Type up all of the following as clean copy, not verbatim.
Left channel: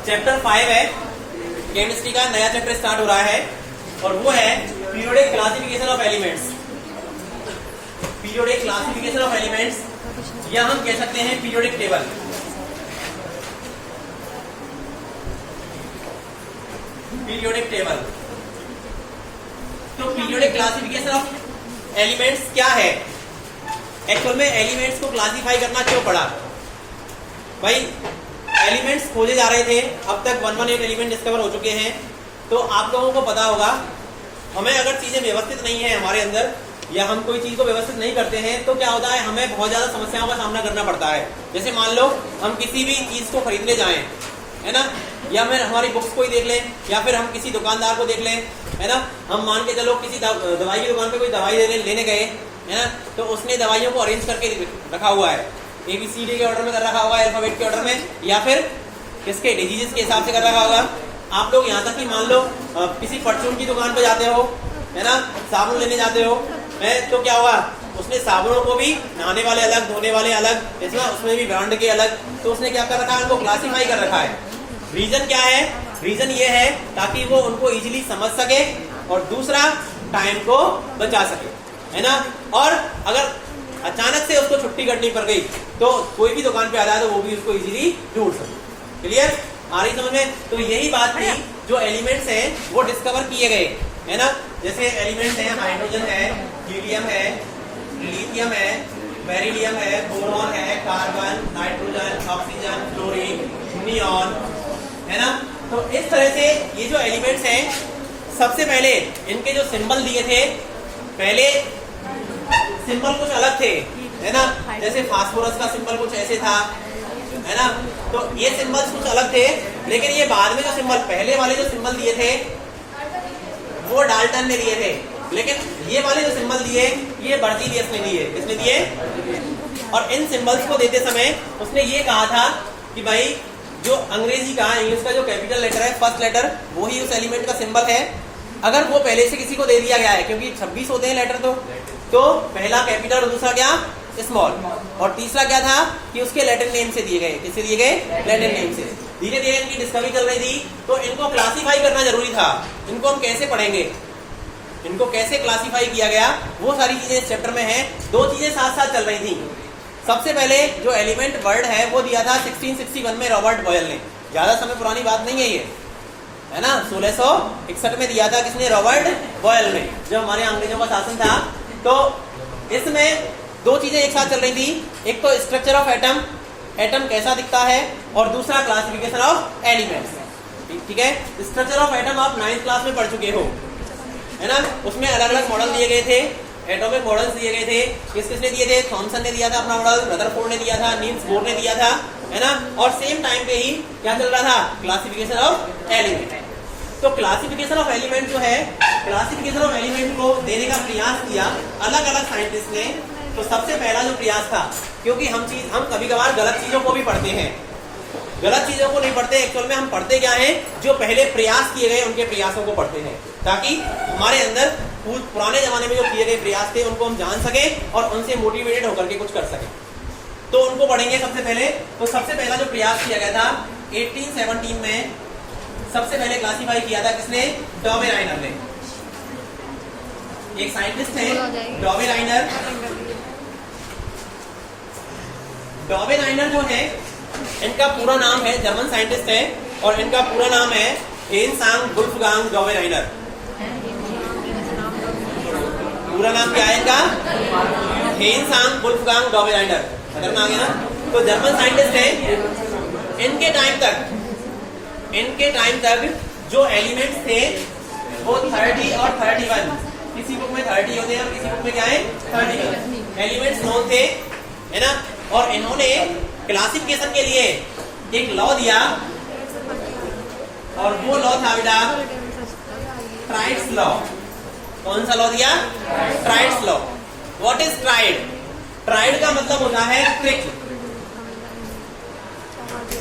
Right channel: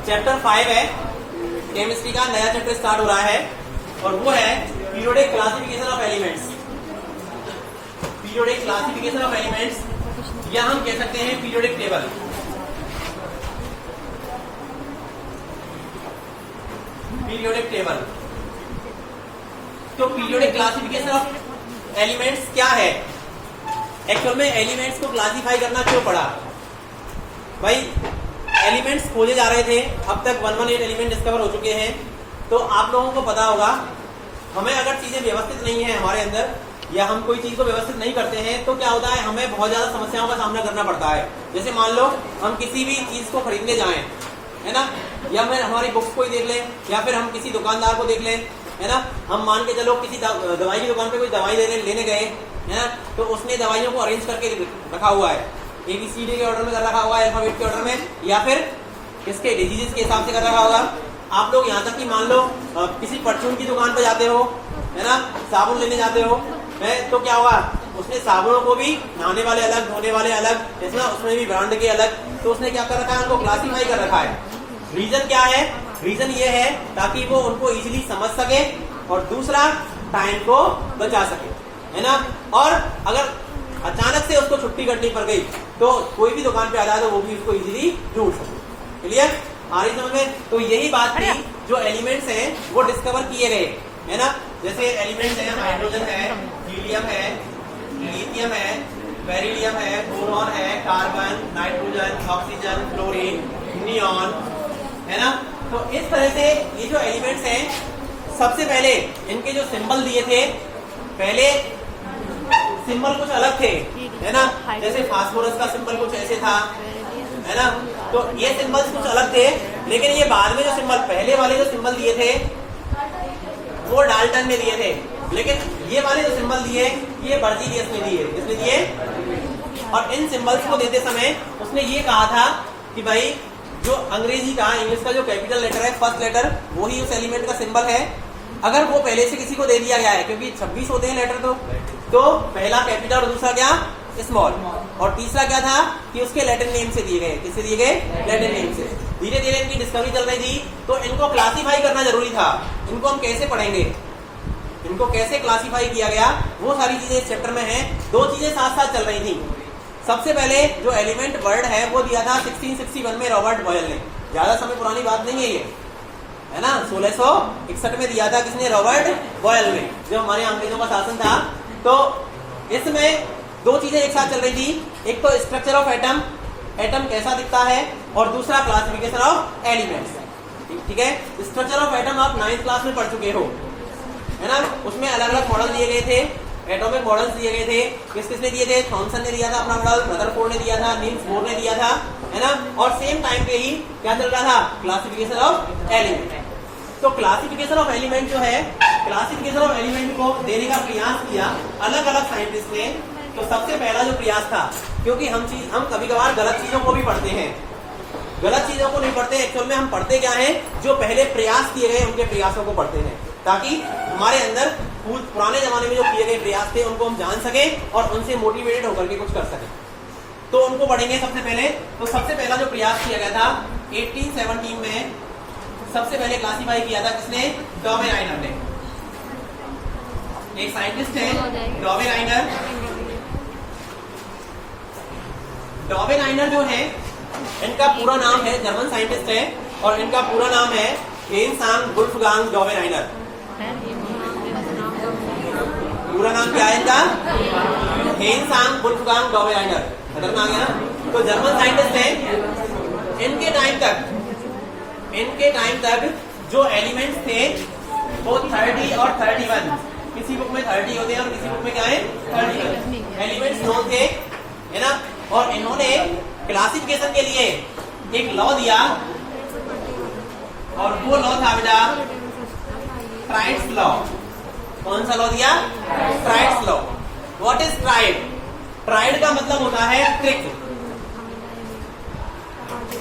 Chapter 5 है, chemistry का नया चैप्टर स्टार्ट हो रहा है और वो है periodic classification of elements. Periodic classification of elements या हम कह सकते हैं पीरियोडिक टेबल। Periodic table. तो पीरियोडिक क्लासिफिकेशन ऑफ एलिमेंट्स क्या है? एक्चुअल में एलिमेंट्स को क्लासिफाई करना क्यों पड़ा? भाई एलिमेंट्स खोजे जा रहे थे, अब तक 118 एलिमेंट डिस्कवर हो चुके हैं। तो आप लोगों को पता होगा, हमें अगर चीजें व्यवस्थित नहीं है हमारे अंदर या हम कोई चीज को व्यवस्थित नहीं करते हैं तो क्या होता है, हमें बहुत ज्यादा समस्याओं का सामना करना पड़ता है। जैसे मान लो हम किसी भी चीज को खरीदने जाएं, है ना, या फिर हमारी बुक्स को ही देख लें या फिर हम किसी दुकानदार को देख लें, है ना, हम मान के चलो किसी दवाई की दुकान पे कोई दवाई लेने गए, है ना, तो उसने दवाइयों को अरेंज करके रखा हुआ है, ABCD के ऑर्डर में कर रखा हुआ है, अल्फाबेट के ऑर्डर में, या फिर किसके डिजीजेस के हिसाब से कर रखा होगा। आप लोग यहाँ तक कि मान लो किसी परचून की दुकान पे जाते हो, है ना, साबुन लेने जाते हो, है, तो क्या हुआ, उसने साबुनों को भी नहाने वाले अलग, धोने वाले अलग, उसमें भी ब्रांड के अलग, तो उसने क्या कर रखा है, उनको क्लासीफाई कर रखा है। रीजन क्या है? रीजन ये है ताकि वो उनको इजीली समझ सके और दूसरा टाइम को बचा सके, है ना। और अगर अचानक से उसको छुट्टी करनी पड़ गई तो कोई भी दुकान पे आ जाए तो वो भी उसको इजीली ढूंढ सके। क्लियर? आ रही समझ में? तो यही बात थी, जो एलिमेंट्स हैं वो डिस्कवर किए गए, है ना। जैसे एलिमेंट्स हैं, हाइड्रोजन है, हीलियम है, लिथियम है, बेरिलियम है, बोरॉन है, carbon, nitrogen, oxygen, fluorine, neon, है ना। तो इस तरह से ये जो एलिमेंट्स हैं, सबसे पहले इनके जो सिंबल दिए थे, पहले सिंबल कुछ अलग थे, है ना। जैसे फास्फोरस का सिंबल कुछ ऐसे था, है ना। तो ये सिंबल्स कुछ अलग थे, लेकिन ये बाद में जो सिंबल, पहले वाले जो सिंबल दिए थे वो डाल्टन ने दिए थे, लेकिन ये वाले जो सिंबल दिए ये बर्जीलियस ने दिए। किसने दिए? और इन सिंबल्स को देते समय उसने ये कहा था कि भाई जो अंग्रेजी का, इंग्लिश का जो कैपिटल लेटर है, फर्स्ट लेटर, वो ही उस एलिमेंट का सिंबल है। अगर वो पहले से किसी को दे दिया गया है, क्योंकि 26 होते हैं लेटर, तो पहला कैपिटल और दूसरा क्या, स्मॉल, और तीसरा क्या था कि उसके लैटिन नेम से दिए गए। किससे दिए गए? लैटिन नेम से। धीरे धीरे इनकी डिस्कवरी चल रही थी, तो इनको क्लासीफाई करना जरूरी था। इनको हम कैसे पढ़ेंगे, इनको कैसे क्लासीफाई किया गया, वो सारी चीजें इस चैप्टर में है। दो चीजें साथ साथ चल रही थी। सबसे पहले जो एलिमेंट वर्ड है वो दिया था 1661 में रॉबर्ट बॉयल ने। ज्यादा समय पुरानी बात नहीं है ये, है ना। 1661 में दिया था किसने? रॉबर्ट बॉयल ने, जब हमारे अंग्रेजों का शासन था। तो इसमें दो चीजें एक साथ चल रही थी, एक तो स्ट्रक्चर ऑफ एटम, एटम कैसा दिखता है, और दूसरा क्लासिफिकेशन ऑफ एलिमेंट्स। ठीक है, स्ट्रक्चर ऑफ एटम आप 9th क्लास में पढ़ चुके हो, है ना। उसमें अलग अलग मॉडल दिए गए थे, एटॉमिक मॉडल्स दिए गए थे। किसने दिए थे? थॉमसन ने दिया था अपना मॉडल, रदरफोर्ड ने दिया था, नील्स बोर ने दिया था, है ना। और सेम टाइम पे ही क्या चल रहा था? Classification of element. तो क्लासिफिकेशन ऑफ एलिमेंट जो है, क्लासिफिकेशन ऑफ एलिमेंट को देने का प्रयास किया अलग अलग साइंटिस्ट ने। तो सबसे पहला जो प्रयास था, क्योंकि हम कभी कभार गलत चीजों को भी पढ़ते हैं, गलत चीजों को नहीं पढ़ते, एक्चुअल में हम पढ़ते क्या है, जो पहले प्रयास किए गए उनके प्रयासों को पढ़ते हैं, ताकि हमारे अंदर पुराने जमाने में जो किए गए प्रयास थे उनको हम जान सके और उनसे मोटिवेटेड होकर के कुछ कर सके। तो उनको पढ़ेंगे सबसे पहले। तो सबसे पहला जो प्रयास किया गया था 1817 में, सबसे पहले क्लासीफाई किया था किसने? डॉवेराइनर ने। एक साइंटिस्ट है डॉवेराइनर। डॉवेराइनर जो है, इनका पूरा नाम है, जर्मन साइंटिस्ट है, और इनका पूरा नाम है हेनसांग वुल्फगांग डॉवेराइनर। पूरा नाम क्या है इनका? हेनसांग वुल्फगांग डॉवेराइनर। अगर ना आ गया ना, तो जर्मन साइंटिस्ट है। इनके टाइम तक जो एलिमेंट्स थे वो 30 और 31, किसी बुक में 30 होते हैं और किसी बुक में क्या है 31 एलिमेंट्स नोन थे, है ना। और इन्होंने क्लासिफिकेशन के लिए एक लॉ दिया, और वो लॉ था बेटा ट्राइड्स लॉ। कौन सा लॉ दिया? Triads law. What is triad? Triad का मतलब होता है trick,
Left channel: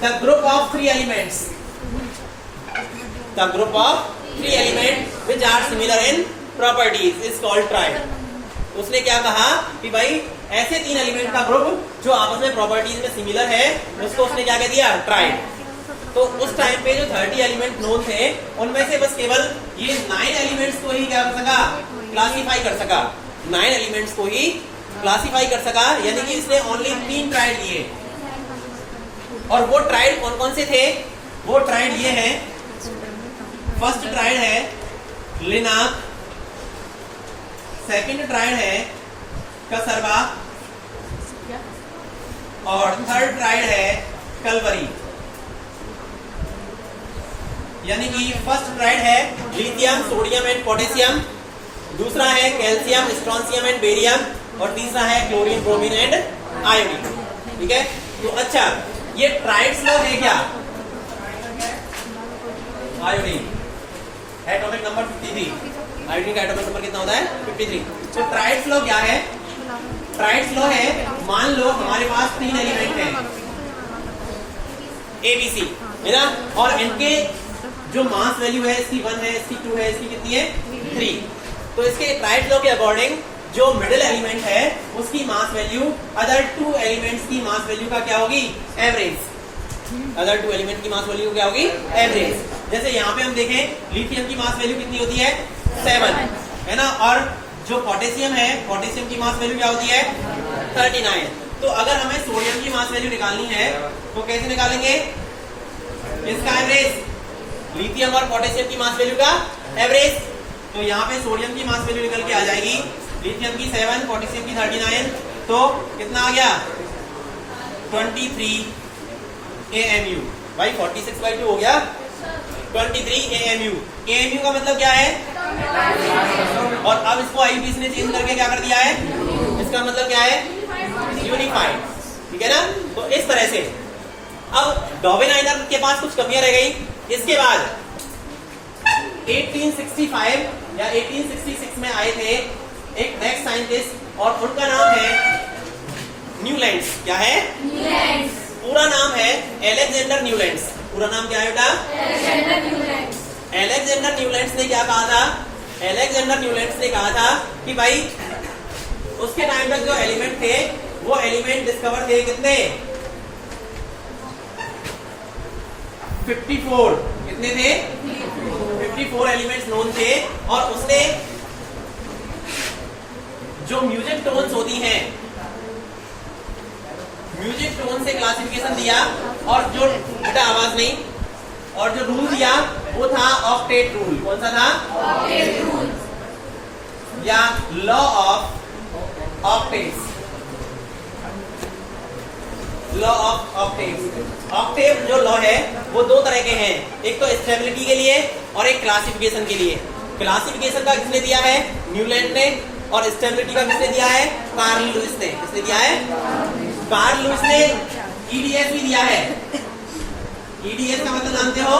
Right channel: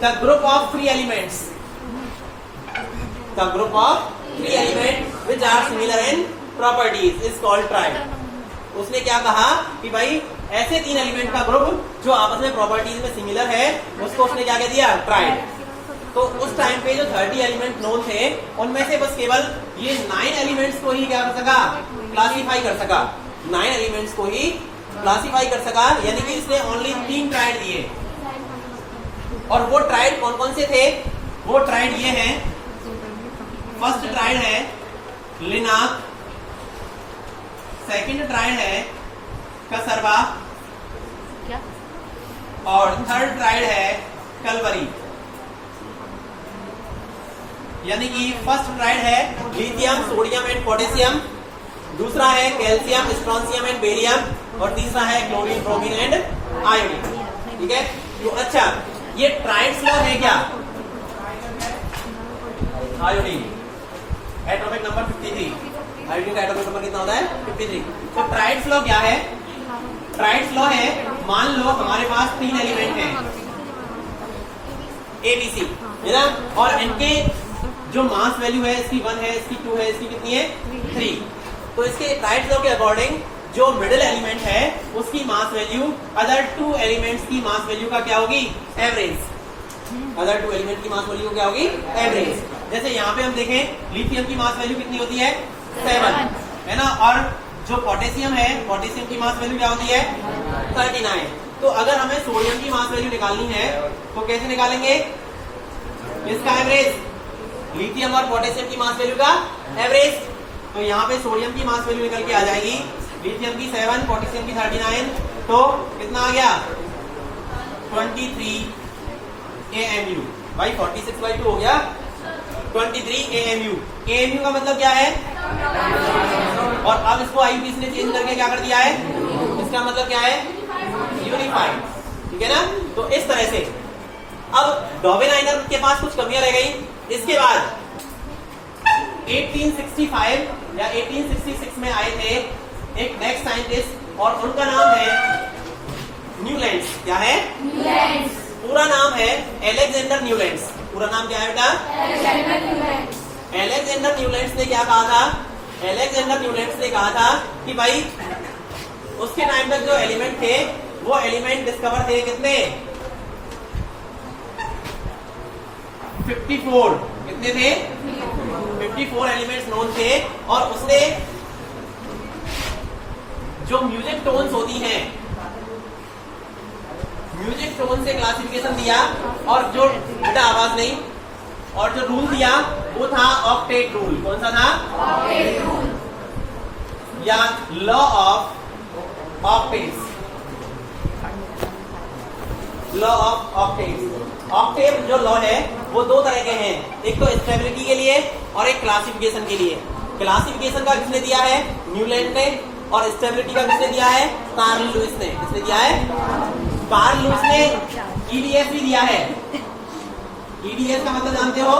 the group of 3 elements, the group of 3 element which are similar in properties is called triad. उसने क्या कहा कि भाई ऐसे 3 एलिमेंट का ग्रुप जो आपस में प्रॉपर्टीज में सिमिलर है, उसको उसने क्या कह दिया? ट्राइड। तो उस उस टाइम पे जो 30 एलिमेंट नोन थे उनमें से बस केवल ये 9 एलिमेंट्स को ही क्या कर सका, क्लासीफाई कर सका, 9 एलिमेंट्स को ही क्लासीफाई कर सका, यानी कि इसने ओनली 3 ट्राइड लिए। और वो ट्राइड कौन कौन से थे? वो ट्राइड ये हैं, फर्स्ट ट्राइड है लिनाक, सेकंड ट्राइड है कसरवा और थर्ड ट्राइड है कलवरी। यानी कि फर्स्ट ट्राइड है लिथियम, सोडियम एंड पोटेशियम, दूसरा है कैल्शियम, स्ट्रोंशियम एंड बेरियम और तीसरा है क्लोरीन, ब्रोमीन एंड आयोडीन। ठीक है, तो अच्छा ये ट्राइड्स लॉ है क्या? आयोडीन एटॉमिक नंबर 53, आयोडीन का एटॉमिक नंबर कितना होता है? 53। तो ट्राइड्स लॉ क्या है? ट्राइड्स लॉ है, मान लो हमारे पास 3 एलिमेंट हैं ABC, है ना, और इनके जो मास वैल्यू है इसकी 1 है, इसकी 2 है, इसकी कितनी है? 3। तो इसके ट्राइड्स लॉ के अकॉर्डिंग जो मिडिल एलिमेंट है उसकी मास वैल्यू अदर 2 एलिमेंट्स की मास वैल्यू का क्या होगी? एवरेज। अदर 2 एलिमेंट की मास वैल्यू क्या होगी? एवरेज। जैसे यहाँ पे हम देखें लिथियम की मास वैल्यू कितनी होती है? 7, है ना, और जो पोटेशियम है, पोटेशियम की मास वैल्यू क्या होती है? 39। तो अगर हमें सोडियम की मास वैल्यू निकालनी है तो कैसे निकालेंगे? इसका एवरेज, लिथियम और पोटेशियम की मास वैल्यू का एवरेज। तो यहाँ पे सोडियम की मास वैल्यू निकल के आ जाएगी, लिथियम की 7, पोटेशियम की 39, तो कितना आ गया? 23 AMU। भाई 46/2 हो गया, 23 AMU। AMU का मतलब क्या है? और अब इसको IUPAC ने चेंज करके क्या कर दिया है? इसका मतलब क्या है? यूनिफाइड। ठीक है ना, तो इस तरह से अब डॉवेनाइनर के पास कुछ कमियां रह गई। इसके बाद 1865 या 1866 में आए थे एक नेक्स्ट साइंटिस्ट और उनका नाम है न्यूलैंड्स। क्या है? न्यूलैंड्स। पूरा नाम है अलेक्जेंडर न्यूलैंड्स। पूरा नाम क्या है बेटा? Alexander Newlands. अलेक्जेंडर न्यूलैंड्स ने क्या कहा था? अलेक्जेंडर न्यूलैंड्स ने कहा था कि भाई उसके टाइम तक जो एलिमेंट थे वो एलिमेंट डिस्कवर थे कितने? 54। कितने थे? 54 एलिमेंट्स नोन थे। और उसने जो म्यूजिक टोन्स होती हैं, म्यूजिक टोन से क्लासिफिकेशन दिया, और जो बेटा आवाज नहीं, और जो रूल दिया वो था ऑक्टेट रूल। कौन सा था? ऑक्टेट रूल या law of octaves. Law of octaves. Octave जो लॉ है वो 2 तरह के हैं, एक तो स्टेबिलिटी के लिए और एक क्लासिफिकेशन के लिए। क्लासिफिकेशन का किसने दिया है? न्यूलैंड ने। और स्टेबिलिटी का किसने दिया है? कार्ल लुईस ने। किसने दिया है? कार्ल लुईस ने EDS भी दिया है। EDS का मतलब जानते हो?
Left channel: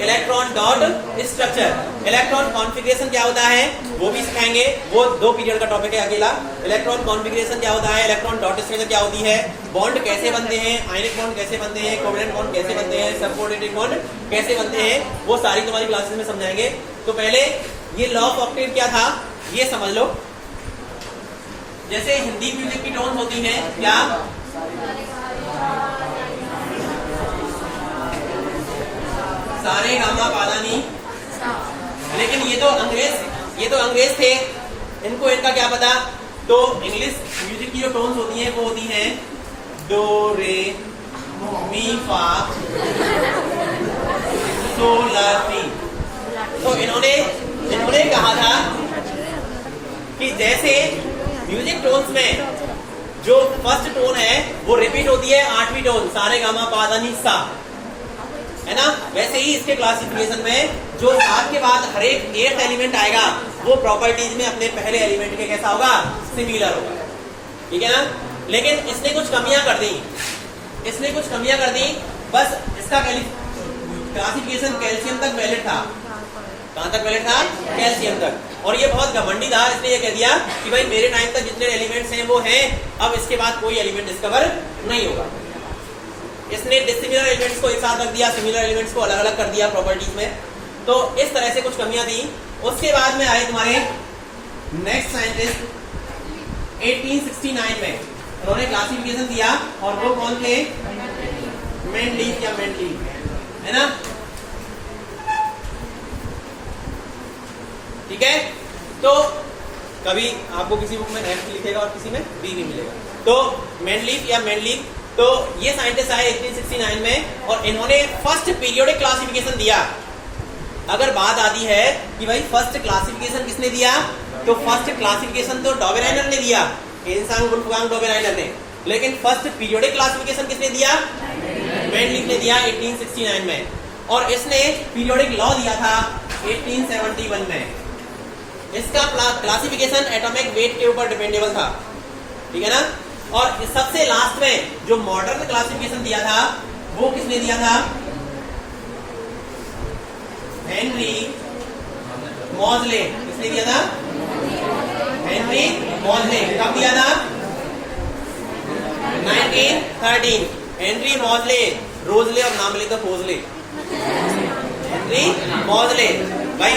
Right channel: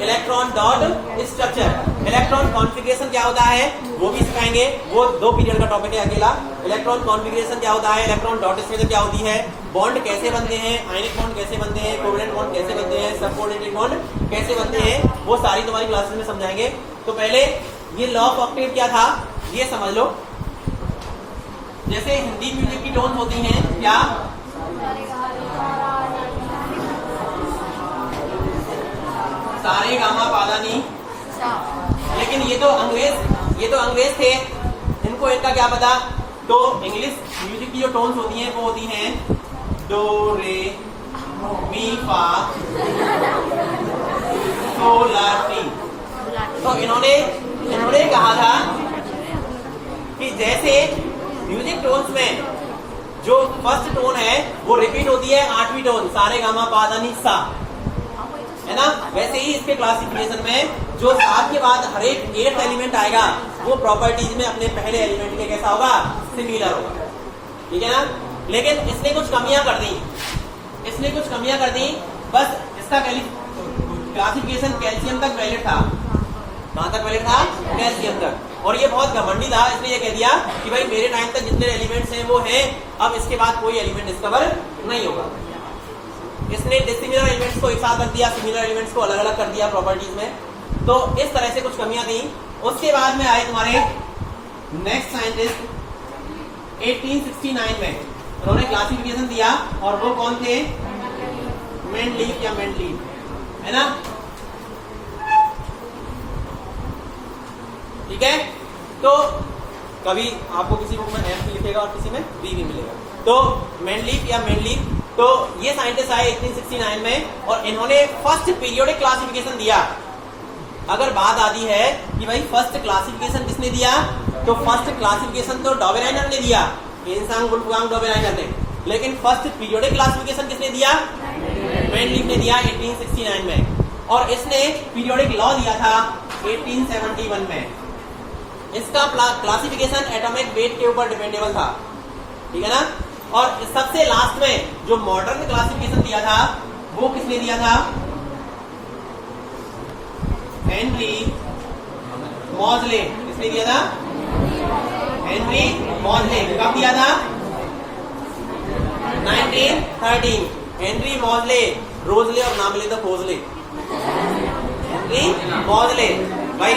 Electron dot structure. Electron configuration क्या होता है वो भी सिखाएंगे, वो 2 पीरियड का टॉपिक है अकेला। इलेक्ट्रॉन कॉन्फ़िगरेशन क्या होता है, इलेक्ट्रॉन डॉट स्ट्रक्चर क्या होती है, बॉन्ड कैसे बनते हैं, आयनिक बॉन्ड कैसे बनते हैं, कोवलेंट बॉन्ड कैसे बनते हैं, सबकोऑर्डिनेट बॉन्ड कैसे बनते हैं, वो सारी तुम्हारी क्लासेस में समझाएंगे। तो पहले ये लॉ ऑफ ऑक्टेव क्या था ये समझ लो। जैसे हिंदी म्यूजिक की टोन होती हैं क्या? सारे गामा पादानी। लेकिन ये तो अंग्रेज थे, इनको इनका क्या पता। तो इंग्लिश म्यूजिक की जो टोन्स होती हैं वो होती हैं डो, रे, मी, फा, सो, ला, सी। तो इन्होंने कहा था कि जैसे म्यूजिक टोन्स में जो फर्स्ट टोन है वो रिपीट होती है 8वीं टोन, सारे गामा पादानी सा, है ना, वैसे ही इसके क्लासिफिकेशन में जो 7 के बाद हर एक 8th एलिमेंट आएगा वो प्रॉपर्टीज में अपने पहले एलिमेंट के कैसा होगा? सिमिलर होगा। ठीक है ना। लेकिन इसने कुछ कमियां कर दी, बस इसका क्लासिफिकेशन कैल्शियम तक वैलिड था। कहां तक वैलिड था? कैल्शियम तक। और ये बहुत घमंडी था, इसने ये कह दिया कि भाई मेरे टाइम तक जितने एलिमेंट्स हैं वो हैं, अब इसके बाद कोई एलिमेंट डिस्कवर नहीं होगा। इसने डिसिमिलर एलिमेंट्स को एक साथ रख दिया, सिमिलर एलिमेंट्स को अलग अलग कर दिया प्रॉपर्टीज में। तो इस तरह से कुछ कमियां थी। उसके बाद में आए तुम्हारे नेक्स्ट साइंटिस्ट 1869 में, उन्होंने क्लासिफिकेशन दिया। और वो कौन थे? मेंडलीफ या मेंडलीफ, है ना? ठीक है, तो कभी आपको किसी बुक में एम लिखेगा और किसी में बी भी मिलेगा। तो मेंडलीफ या मेंडलीफ, तो ये साइंटिस्ट आए 1869 में और इन्होंने फर्स्ट पीरियोडिक क्लासिफिकेशन दिया। अगर बात आती है कि भाई फर्स्ट क्लासिफिकेशन किसने दिया, तो फर्स्ट क्लासिफिकेशन तो डॉबेराइनर ने दिया, एनसांग वुल्फगांग डॉबेराइनर ने, लेकिन फर्स्ट पीरियोडिक क्लासिफिकेशन किसने दिया? मेंडलीफ ने दिया 1869 में। और इसने पीरियोडिक लॉ दिया था 1871 में। इसका क्लासिफिकेशन एटॉमिक वेट के ऊपर डिपेंडेबल था, ठीक है ना? और सबसे लास्ट में जो मॉडर्न क्लासिफिकेशन दिया था वो किसने दिया था? हेनरी मॉजले। किसने दिया था? हेनरी मॉजले। कब दिया था? 1913। हेनरी मॉजले, रोजले और नाम ले तो फोजले। हेनरी मॉजले भाई